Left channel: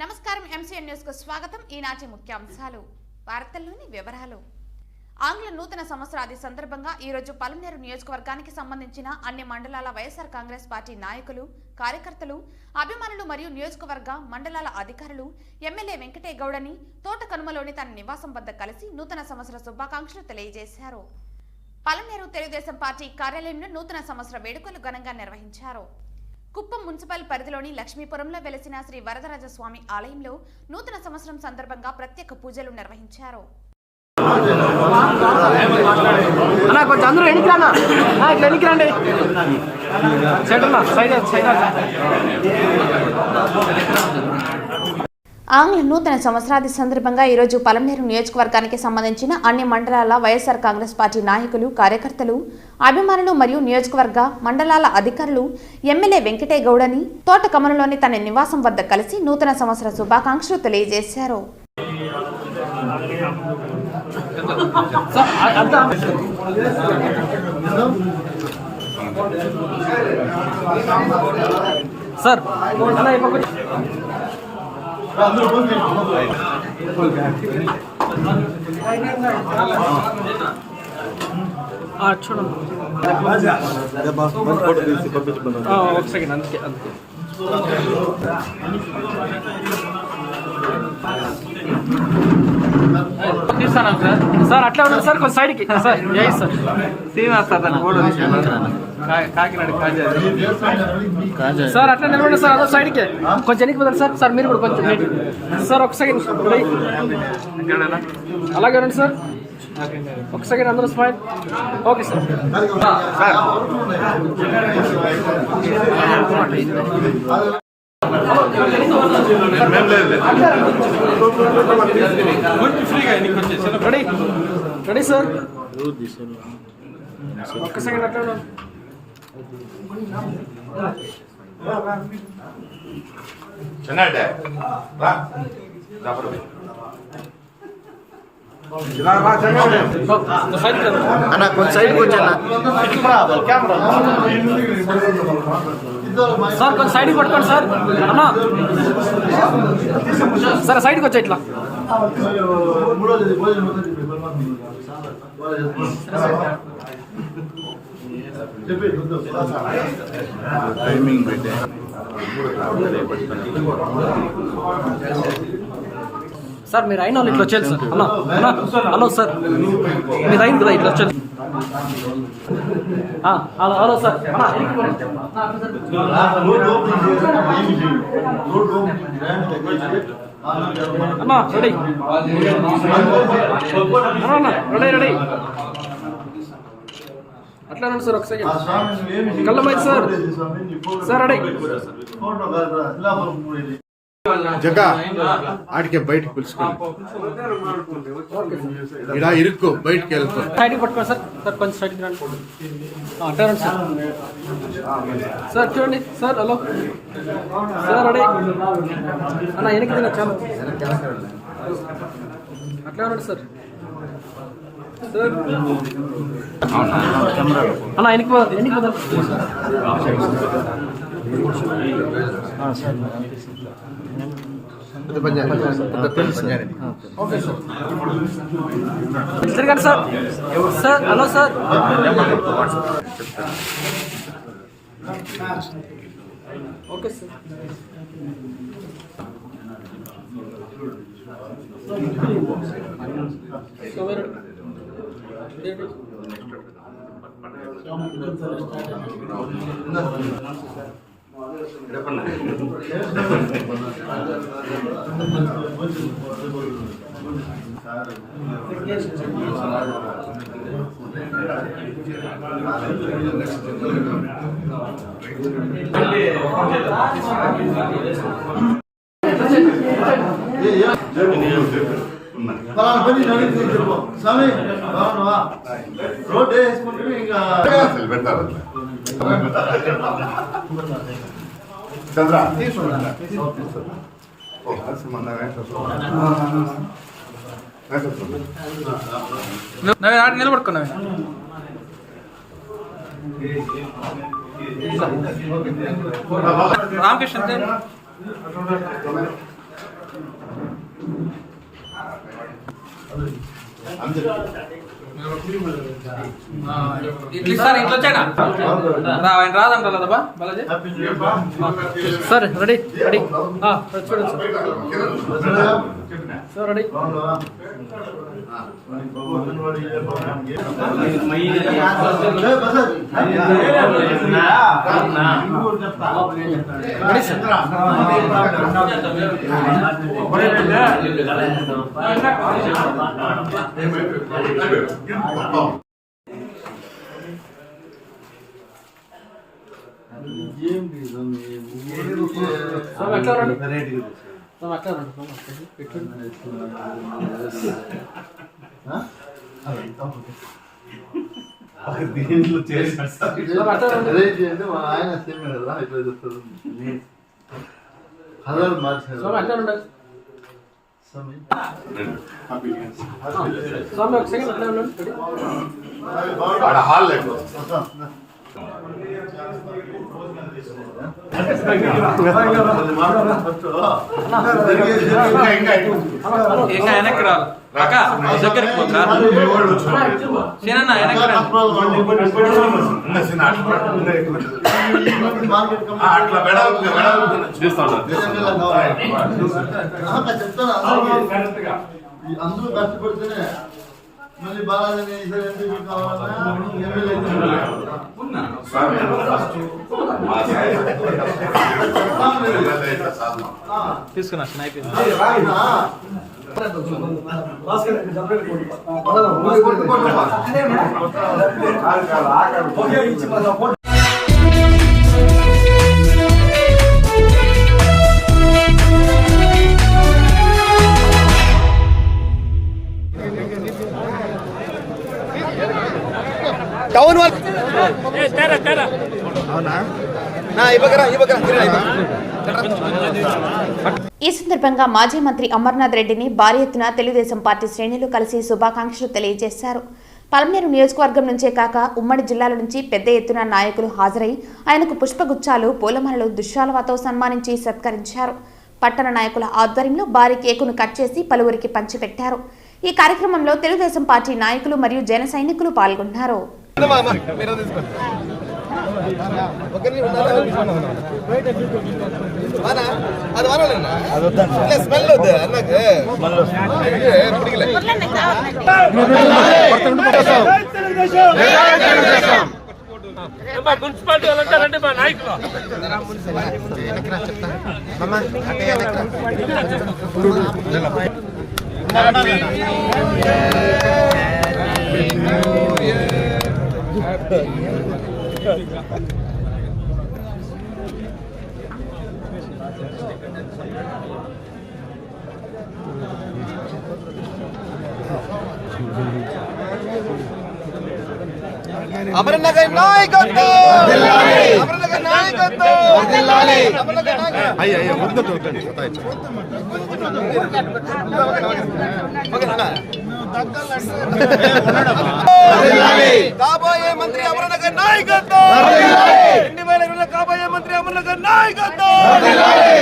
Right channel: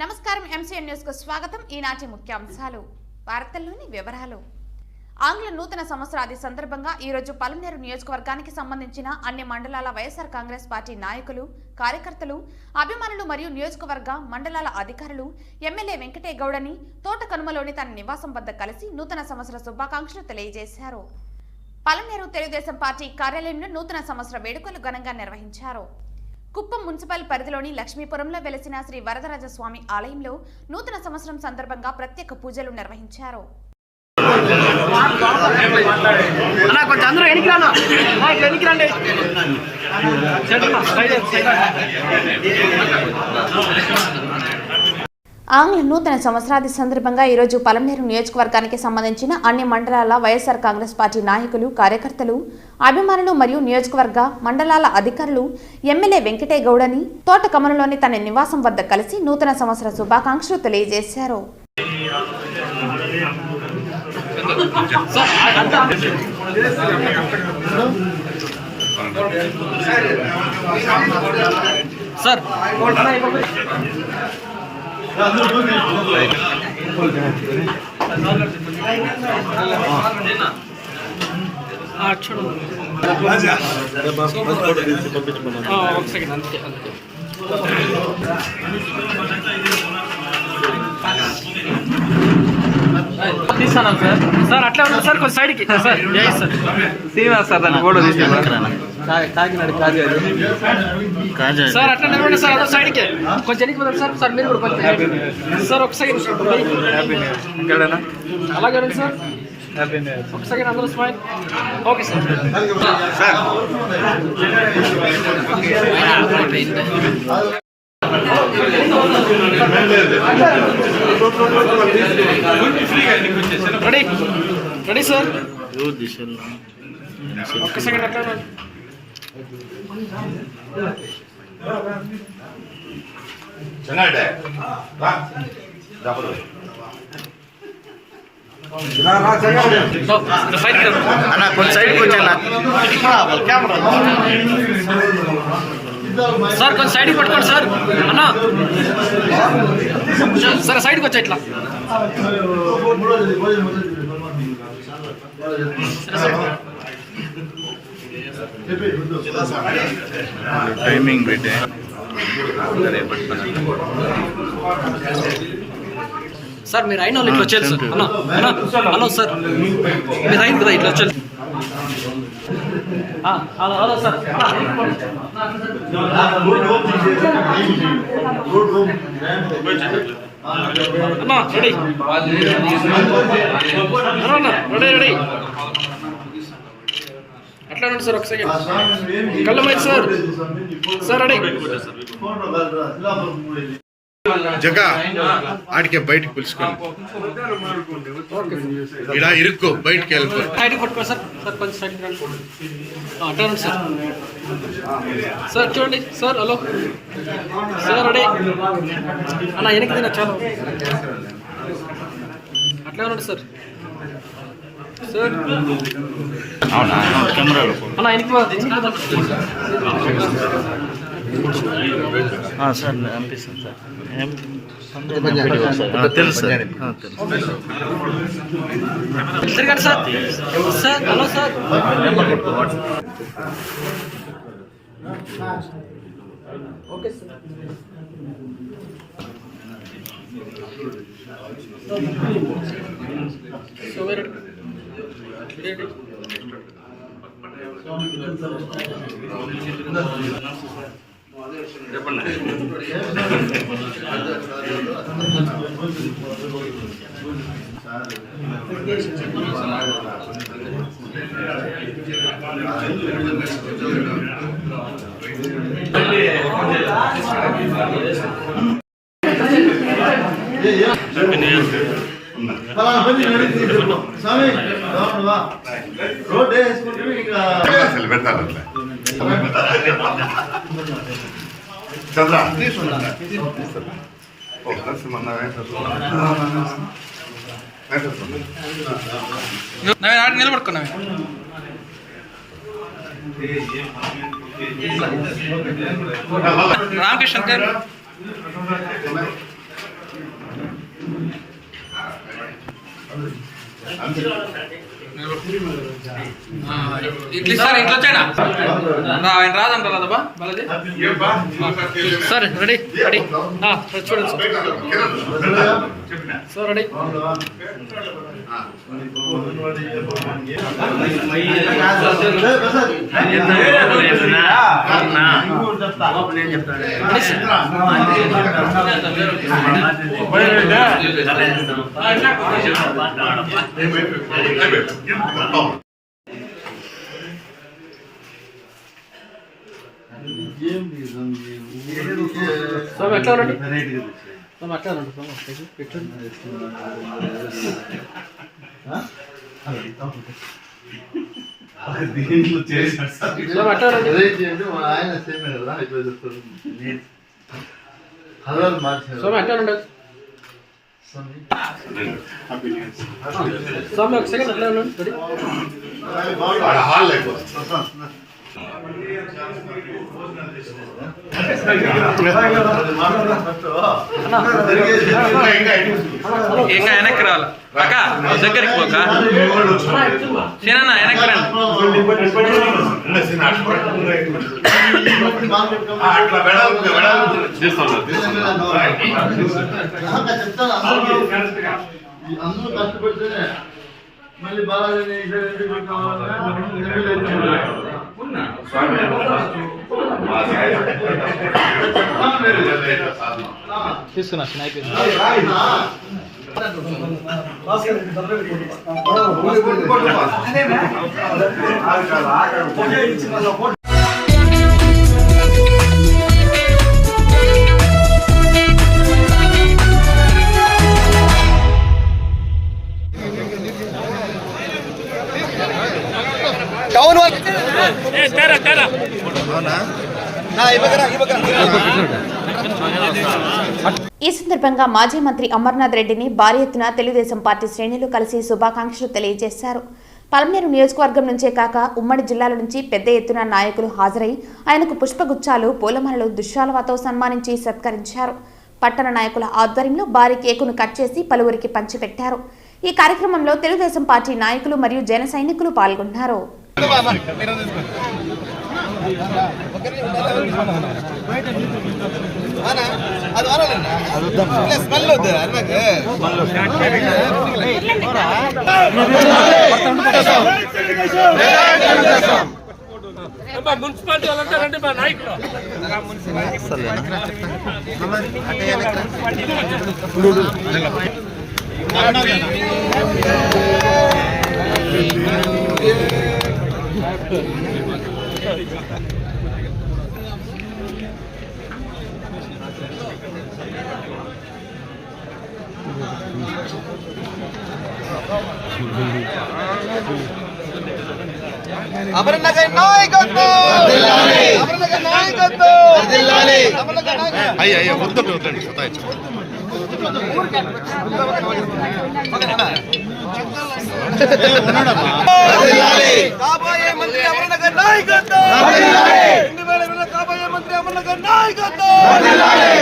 నమస్కారం MCN news కు స్వాగతం. ఈనాటి ముఖ్యాంశాలు వార్తల్లోని వివరాలు. ఆంగ్ల నూతన సంవత్సరాది సందర్భంగా ఈ రోజు పలమనేరు నియోజకవర్గానికి సంబంధించిన అన్ని మండలాల వైఎస్ఆర్ కాంగ్రెస్ పార్టీ నాయకులు, కార్యకర్తలు, అభిమానులు మరియు నియోజకవర్గ మండలాల అధికారులు ఎమ్మెల్యే వెంకటే గౌడని తోటకనుమలోని తన నివాసం వద్ద కలిసి నూతన సంవత్సర శుభాకాంక్షలు తెలియజేశారు. పలమనేరు తెలుగుదేశం పార్టీ కార్యాలయంలో నూతన సంవత్సర వేడుకలు ఘనంగా నిర్వహించారు. కుప్పం మున్సిపల్ పరిధిలోని లక్ష్మీపురంలో వెలసిన శ్రీ వరదరాజస్వామి ఆలయంలో నూతన సంవత్సరం సందర్భంగా ప్రత్యేక పూజలు నిర్వహించారు. ఆంగ్ల నూతన సంవత్సరాది సందర్భంగా ఈరోజు పలమనేరు నియోజకవర్గానికి సంబంధించిన అన్ని మండలాల వైఎస్ఆర్ కాంగ్రెస్ పార్టీ నాయకులు, కార్యకర్తలు, అభిమానులు మరియు నియోజకవర్గ మండలాల అధికారులు ఎమ్మెల్యే వెంకటే గౌడని తోటకమలలోని తన నివాసం వద్ద కలిసి నూతన సంవత్సర శుభాకాంక్షలు తెలియజేశారు. సార్ అట్లా ఉన్నారు సార్, కొంచెం సైడ్కి సార్. జై సార్ శ్రీనివాస్ సార్ సార్ అట్లా నిలబడి సార్, అదో సైడ్కి కొంచెం ఎన్నికి పోదాం సార్. సార్ మీరు కూడా కొంచెం సార్ ఒక సెకండ్ అలాగే రండి సార్, ఒక సెకండ్ అందరూ smile. Okay sir. Ready ready sir, ఒక్క సెకండ్ అట్లా అన్న కొంచెం సైడ్కి వచ్చాను సార్, కొంచెం సైడ్కి పట్టుకోండి సార్. అన్నా సార్ సైడ్కి వచ్చా ఇట్లా. టైమింగ్ పెట్టే సార్ మీరు అయిన వాళ్ళు ఇట్లా వచ్చేది సార్. అన్నా అన్నా హలో సార్, మీరు అయింది కదా ఇట్లా వచ్చేది. హలో సార్, అన్నా రెడీ రెడీ రెడీ అట్లా ఉండండి సార్. ఒక సెకండ్ కళ్ళమైంది సార్. సార్ రెడీ జగా ఆడికే బయటకు పిలుచుకోండి, ఇలా ఇరుక్కో, బయటకు వెళ్ళిపో. సైడ్కి పట్టుకోండి సార్. సార్ కొంచెం సైడ్కి రండి. అట్లా రండి సార్. సార్ చూడండి సార్. హలో సార్ రెడీ అన్న వెనక్కి తిన్నా చాలు. అట్లా ఉండండి సార్. సార్ కెమెరాలో అన్న వెనక్కి సార్ అనిపిస్తుంది సార్, తెలుసు సార్, తిరగండి sir. Sir hello sir. Okay sir. So very ready. Road వేసుకుంటే ఇంకా చంద్ర నిలబడుకున్నా రామకృష్ణ ఇట్లా సార్ ఇంట్లో వచ్చాడా ఆయన రాదంటారు కదా బాలాజీ సార్ రెడీ రెడీ చూడండి సార్ రెడీ దీంట్లో చేశాడు సార్ ఆయన సేమ్ కదా ఇట్లా చెప్తారు హలో మార్చారు స్వామి ఒక సెకండ్ హాల్ లేదు ఇంకా వెనక్కి రావాలి అక్క దగ్గరికి పోక సీనన్న వెనక్కి రండి అట్లా చెప్తాను అందరూ కష్టపడితేనే మళ్ళీ బాగా తీసుకున్నా అయిపోయింది ఈ సందర్భంగా మాజీ మంత్రి అమర్నాథ్ రెడ్డిని భారీ ఎత్తున తెలుగుదేశం పార్టీ శ్రేణులు కలిసి శుభాకాంక్షలు తెలియజేశారు. పలమనేరు నియోజకవర్గం నుంచే కాక ఉమ్మడి జిల్లాల నుంచి పెద్ద ఎత్తున నాయకులు హాజరై ఆయనకు పుష్పగుచ్చాలు, పూలమాలలు, దుశ్శాలువాతో సన్మానించి సత్కరించారు. పట్టణ నాయకుల ఆధ్వర్యంలో భారీ కేకును కట్ చేసి పలువురికి పంచిపెట్టారు. ఈ కార్యక్రమంలో తెలుగుదేశం పార్టీ నాయకులు మరియు జన సైనికులు పాల్గొన్నారు. మున్సిపాలిటీ వాళ్ళంతా రండి మా నాయకులు అమరనగర్ నాయకత్వం అమరనగర్ నాయకత్వం అయ్యో వద్దండి వద్దండి కాబోయే మంత్రి అమరనగర్ నాయకత్వం 2020 కాబోయే మంత్రి అమరనగర్ నాయకత్వం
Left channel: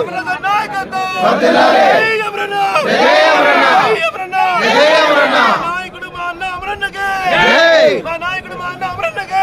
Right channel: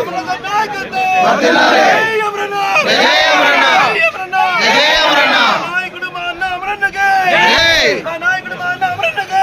అమరనగర్ నాయకత్వం నాయకుడు మా అన్న అమరనగర్ మా నాయకుడు మా అన్న అమరనగర్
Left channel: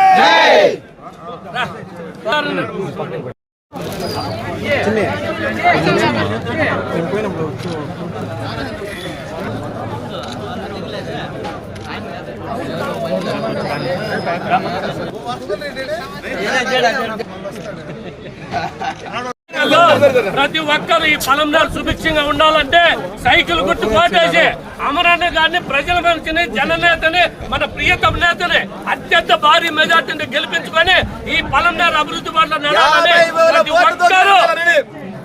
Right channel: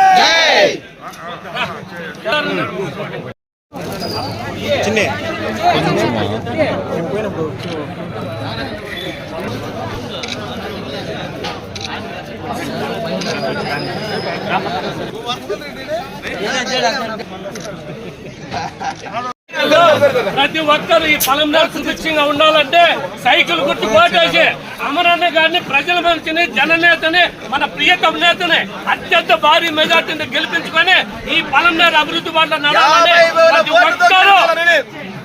ప్రతి ఒక్కరు ఈ పలంనేరు సుభిక్షంగా ఉండాలంటే సైకిల్ గుర్తు కోటేసి అమరన్న గారిని ప్రజల మనిషిని జననేతని మన ప్రియతమ నేతని అత్యంత భారీ మెజార్టీని గెలిపించుకొని ఈ పలంనేరు అభివృద్ధి బాటలో నడవాలని ప్రతి ఒక్కరు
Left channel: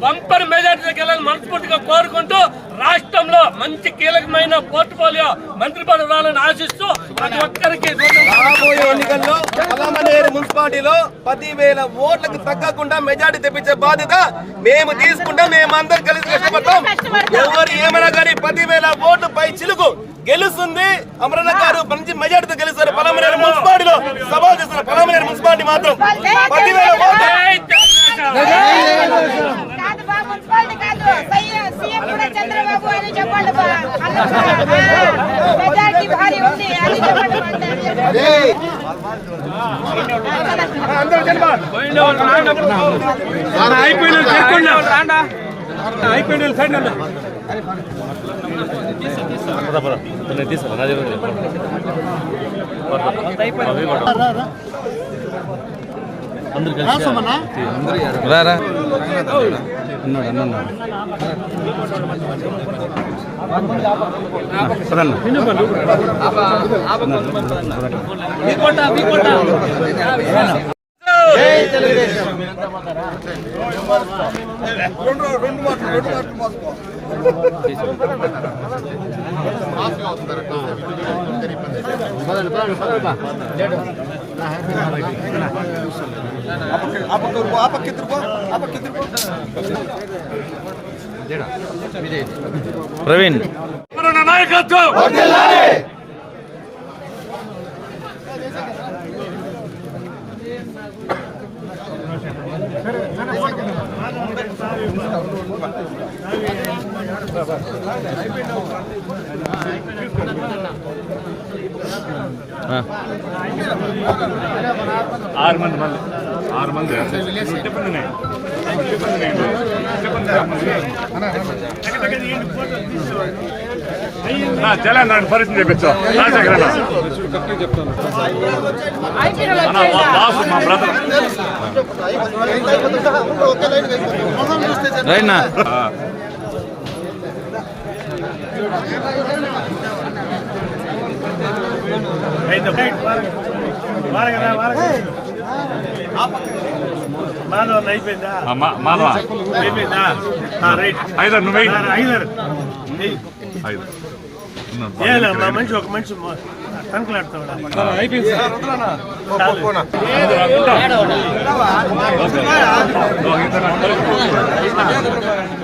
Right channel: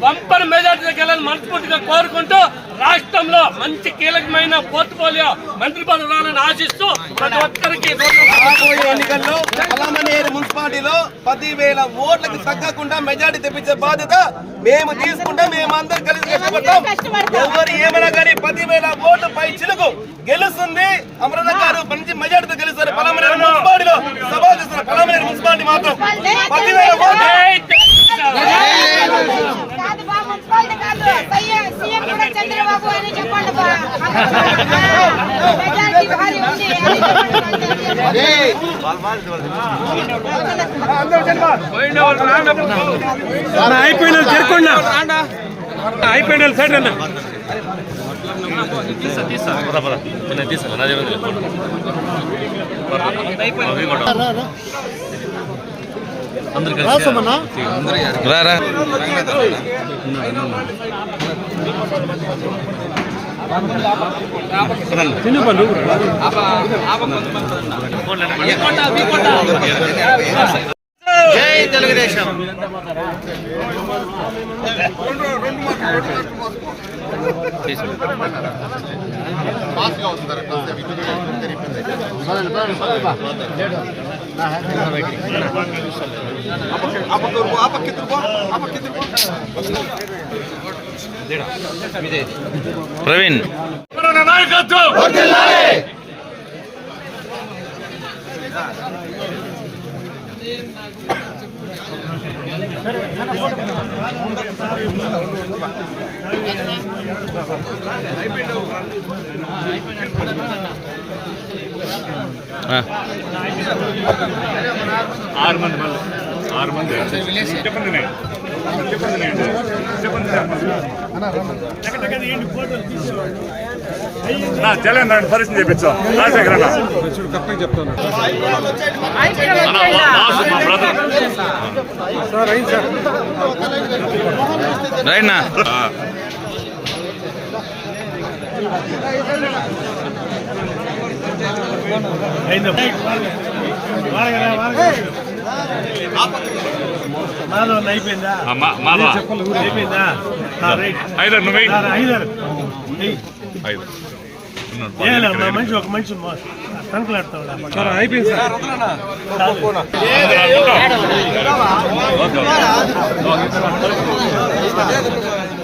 బంపర్ మెజార్టీ గెలని మనస్ఫూర్తిగా కోరుకుంటూ రాష్ట్రంలో మంచి కీలకమైన పోర్ట్ఫోలియో మంత్రి పదవి రావాలని ఆశిస్తూ ప్రతి ఒక్కరికి రాబోయే ఎన్నికల్లో పలమనేరు మున్సిపాలిటీలో 10,000 ఓట్లకు తగ్గకుండా మెజార్టీ తెప్పించే బాధ్యత మేము తీసుకుంటే మేమందరం కలిసి కష్టపడతాం. ఎవరు ఏమైనా కానీ 10,000 ఓట్ల పై చిలుకు గెలుస్తుంది. అమరన్న గారు మంచి మెజార్టీతో గెలుస్తారు. పలమనేరు మున్సిపాలిటీలో సభ చేస్తారు. పలమనేరు మున్సిపాలిటీ మాత్రం 10,000 ఓట్లు అయిపోయిన సైడ్ అన్న జై తెలుగుదేశం. ప్రవీణ్ నాయకత్వం ఆరు మంది చెప్పింది తెలంగాణ పరిస్థితి చెప్పచ్చు రైట్నా మంచి ఒక మంచి కనుకలాడుతాడు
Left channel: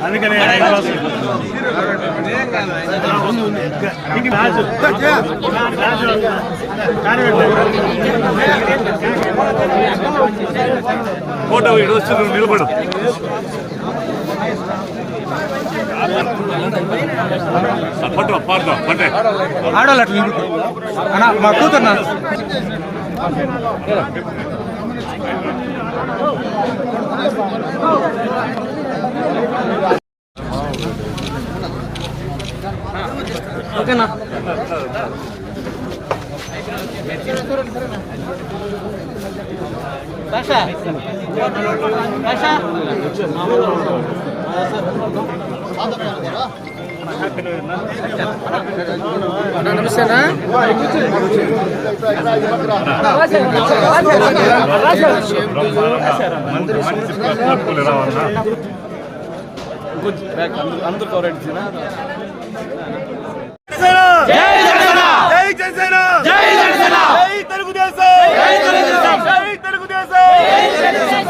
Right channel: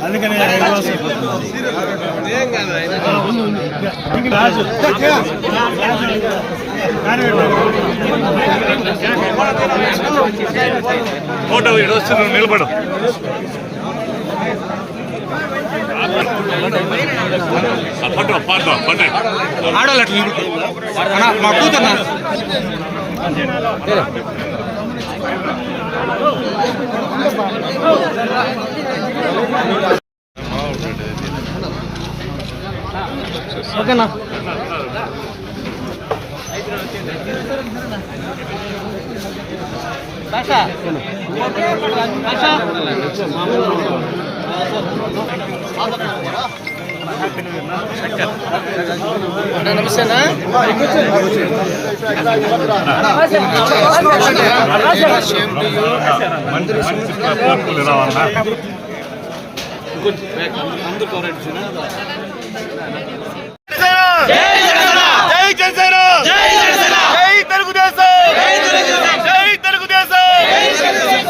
అందుకనే ఫోటో నిలబడు ఆడాలి నా కూతున్నా ఓకేనా నమస్తేనా జై జనసేన జై తెలుగుదేశం జై తెలుగుదేశం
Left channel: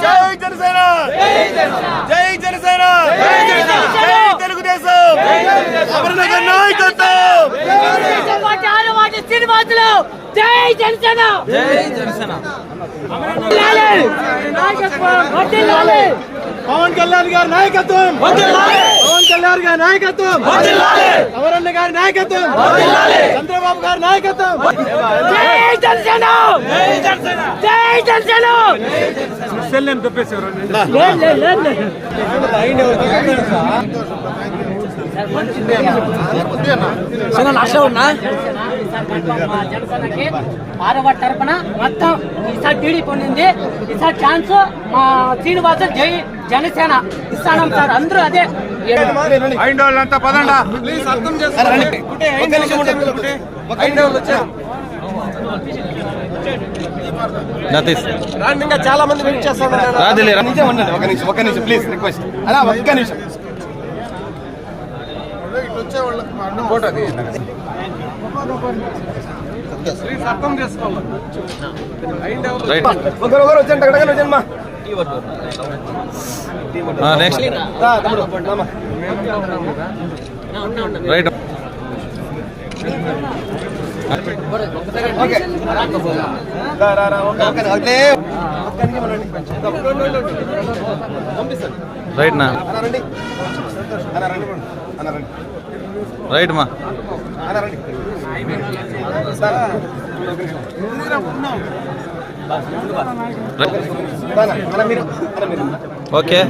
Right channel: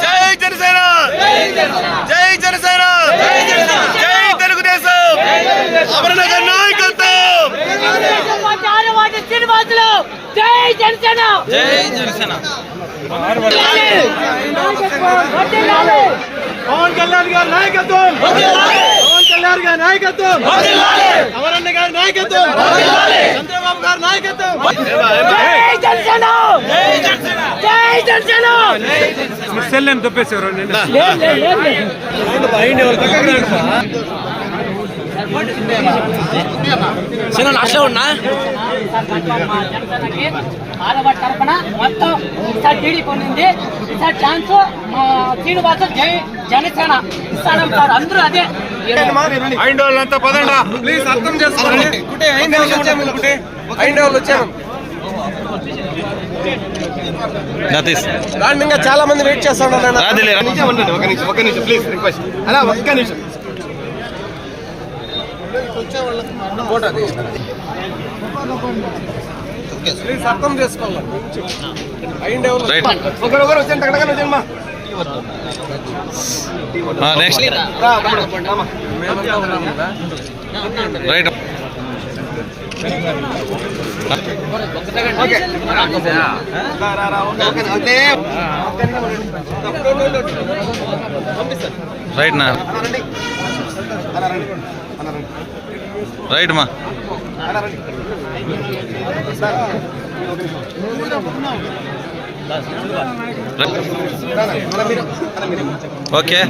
జై జనసేన జై జనసేన జై తెలుగుదేశం అమరనగర్ నాయకత్వం జై జనసేన జై జనసేన పవన్ కళ్యాణ్ గారి నాయకత్వం పవన్ కళ్యాణ్ గారి నాయకత్వం అమరన్న గారి నాయకత్వం చంద్రబాబు గారి నాయకత్వం జై జనసేన జై జనసేన సెల్లని తప్పేశారు జనసేనకి ఆరవ తరపున మొత్తం ఈసారి టీడీపీ ఉంది. ఈసారి ఛాన్స్ మా శ్రీనివాస జై జనసేన ఇస్తాను సార్. అందరూ అదే ఐండోళ్ళంతా పదండా ప్లీజ్ అర్థం చేసుకోండి. ఇంకా చాలా మంది వెయిట్ చేస్తాను. ఒక నిమిషం ప్లీజ్ రిక్వెస్ట్ అలా ఒక్క నిమిషం వచ్చే వాళ్ళకి ఫోటో ప్లీజ్ అర్థం చేసుకోవాలి. ఒకరు వచ్చాను అక్కడ వచ్చాను నెక్స్ట్ రైట్ రైట్ నా రైట్ మా ఓకే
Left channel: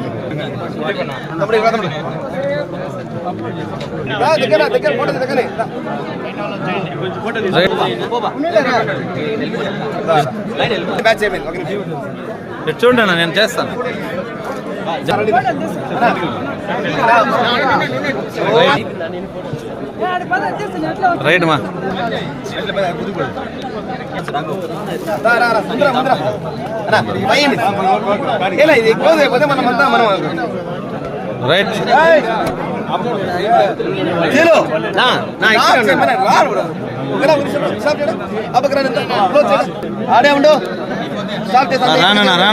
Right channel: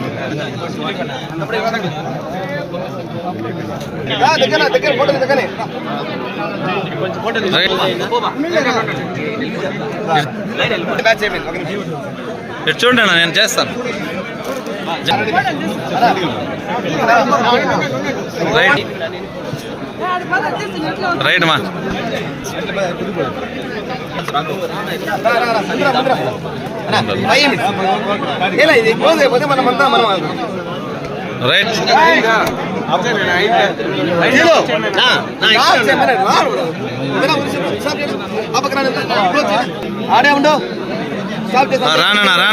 ఇటు చూడండి అన్న, నేను చేస్తాను. రైట్ మా రైట్ ఆడే ఉండు రానా రా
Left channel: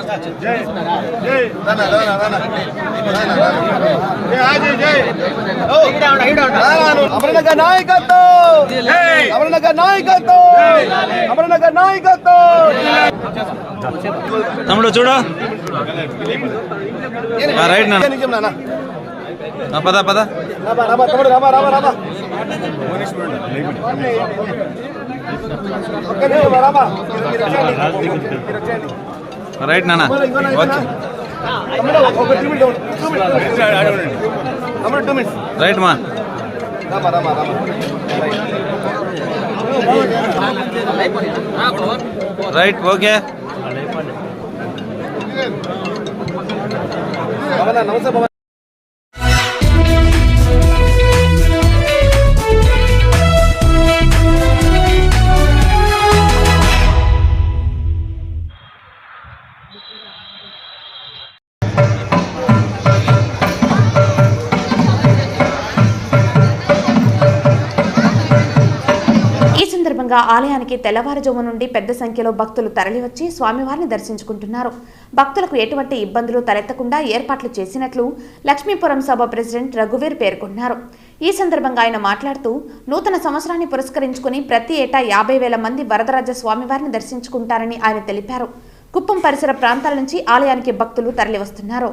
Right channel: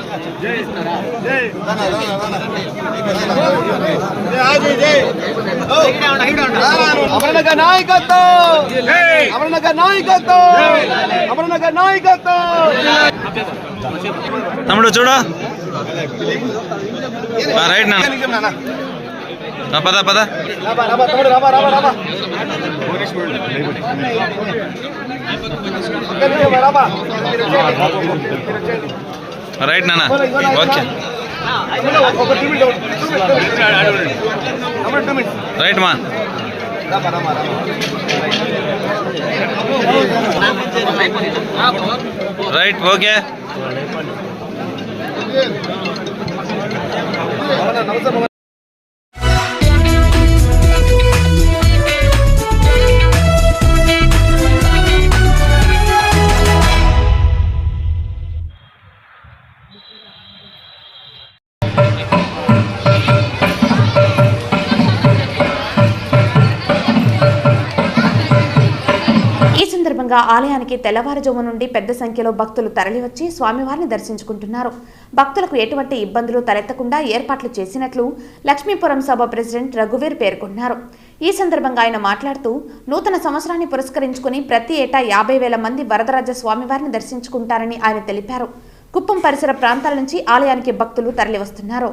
అమరనగర్ నాయకత్వం, అమరనగర్ నాయకత్వం, అమరనగర్ నాయకత్వం. తమ్ముడు చూడు. రైట్ నా పద పద. తమ్ముడు రాబా రాబా రాబా రైట్ నాన్న. ఓకే రైట్ మా. Right okay. ఈ సందర్భంగా ఆలయానికి తెల్లవారుజాము నుండి పెద్ద సంఖ్యలో భక్తులు తరలివచ్చి స్వామివారిని దర్శించుకుంటున్నారు. భక్తులకు ఎటువంటి ఇబ్బందులు తలెత్తకుండా ఏర్పాట్లు చేసినట్లు లక్ష్మీపురం సభ ప్రెసిడెంట్ రఘువీర్ పేర్కొన్నారు. ఈ సందర్భంగా ఆయన మాట్లాడుతూ నూతన సంవత్సరాన్ని పురస్కరించుకుని ప్రతి ఏటా 50,000 మంది వరదరాజ స్వామివారిని దర్శించుకుంటారని ఆయన తెలిపారు. కుప్పం పరిసర ప్రాంతాల నుంచి ఆలయానికి భక్తులు తరలివస్తున్నారు.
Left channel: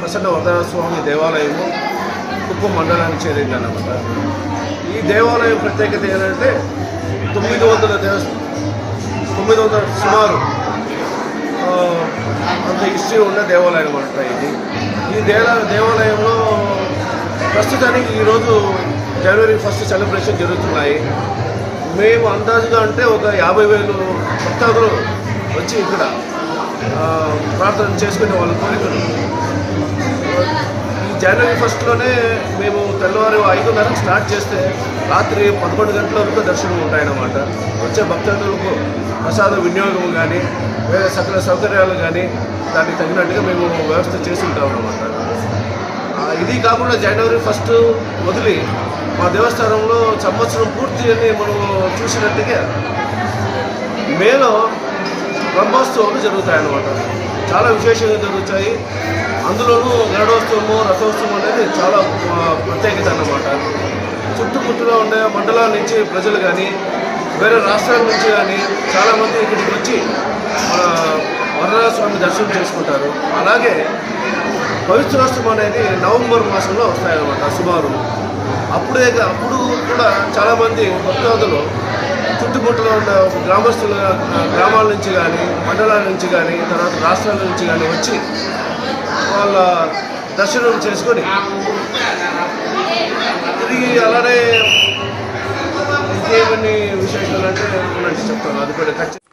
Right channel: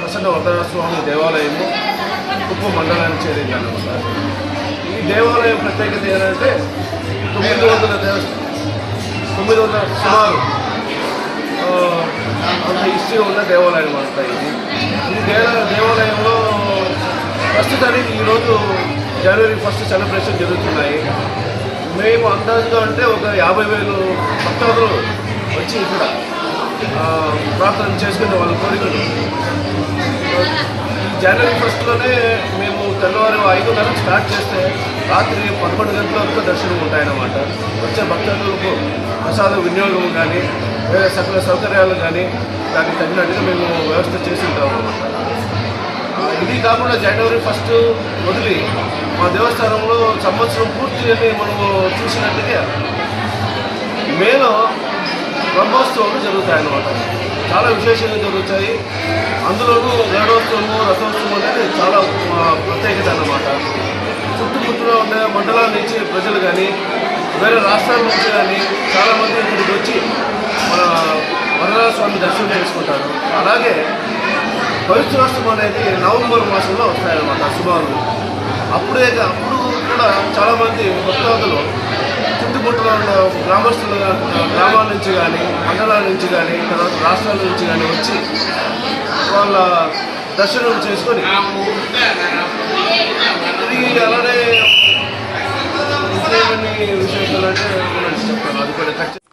ప్రసన్న వరదరాజస్వామి దేవాలయము కుప్పం మండలానికి చేరింది అన్నమాట. ఈ దేవాలయం ప్రత్యేకత ఏంటంటే 900 సుమారు అంత హిస్టరీ ఉన్న దేవాలయం అనమాట. ఈ దేవాలయంలో ప్రస్తుతానికి ఈరోజు జనవరి 1 సెలబ్రేషన్ జరుగుతున్నాయి. మేము అందాజుగా అంటే ఒక 50,000 భక్తాదులు వచ్చి ఇక్కడ ప్రార్థన చేసుకునే వాళ్ళ కోరికలు. ఈ జనవరి 1లోనే మేము తెల్లవారు 5:30 స్టార్ట్ చేస్తే రాత్రి 11 గంటల వరకు దర్శనం ఉంటాయన్నమాట. వచ్చే భక్తులకు ప్రసాద వినియోగం కానీ వేరే సకల సౌకర్యాలు కానీ దానికి తగినట్టుగా మేము వ్యవస్థ చేసి ఉంటాం అన్నమాట. ఇది కాకుండా జనవరి 1 వదిలి మా దేవస్థానంలో సంవత్సరం పూర్తి అని మనం చూసినట్టుగా మేలో బ్రహ్మోత్సవాలు జరుగుతాయన్నమాట. చాలా విశేషంగా జరుగుతాయి. అందులోనూ గరుడోత్సవము, రథోత్సవం అనేది చాలా ప్రత్యేకత అన్నమాట. చుట్టుముట్టులో ఉండే మండలాల నుంచి ప్రజలు కానీ వేరే రాష్ట్రాల నుంచి కానీ చాలామంది ఇక్కడికి వచ్చి మన వరదరాజ స్వామి దర్శనం చేసుకుంటారు. అలాగే పవిత్రోత్సవం అనేది నవంబర్ మాసంలో వస్తాయన్నమాట సుమారు. అప్పుడు కూడా చాలామంది భక్తాదులు చుట్టుముట్టులో ఉన్న గ్రామాల నుంచి కానీ మండలాల నుంచి కానీ తర్వాత రాష్ట్రాల నుంచి కానీ వచ్చి వాళ్ళ దర్శనం చేసుకొని తిరిగి అలానే ఇంకేమన్నీ విశేషాలు అంటే చెప్తాను. అది కూడా ఖచ్చితంగా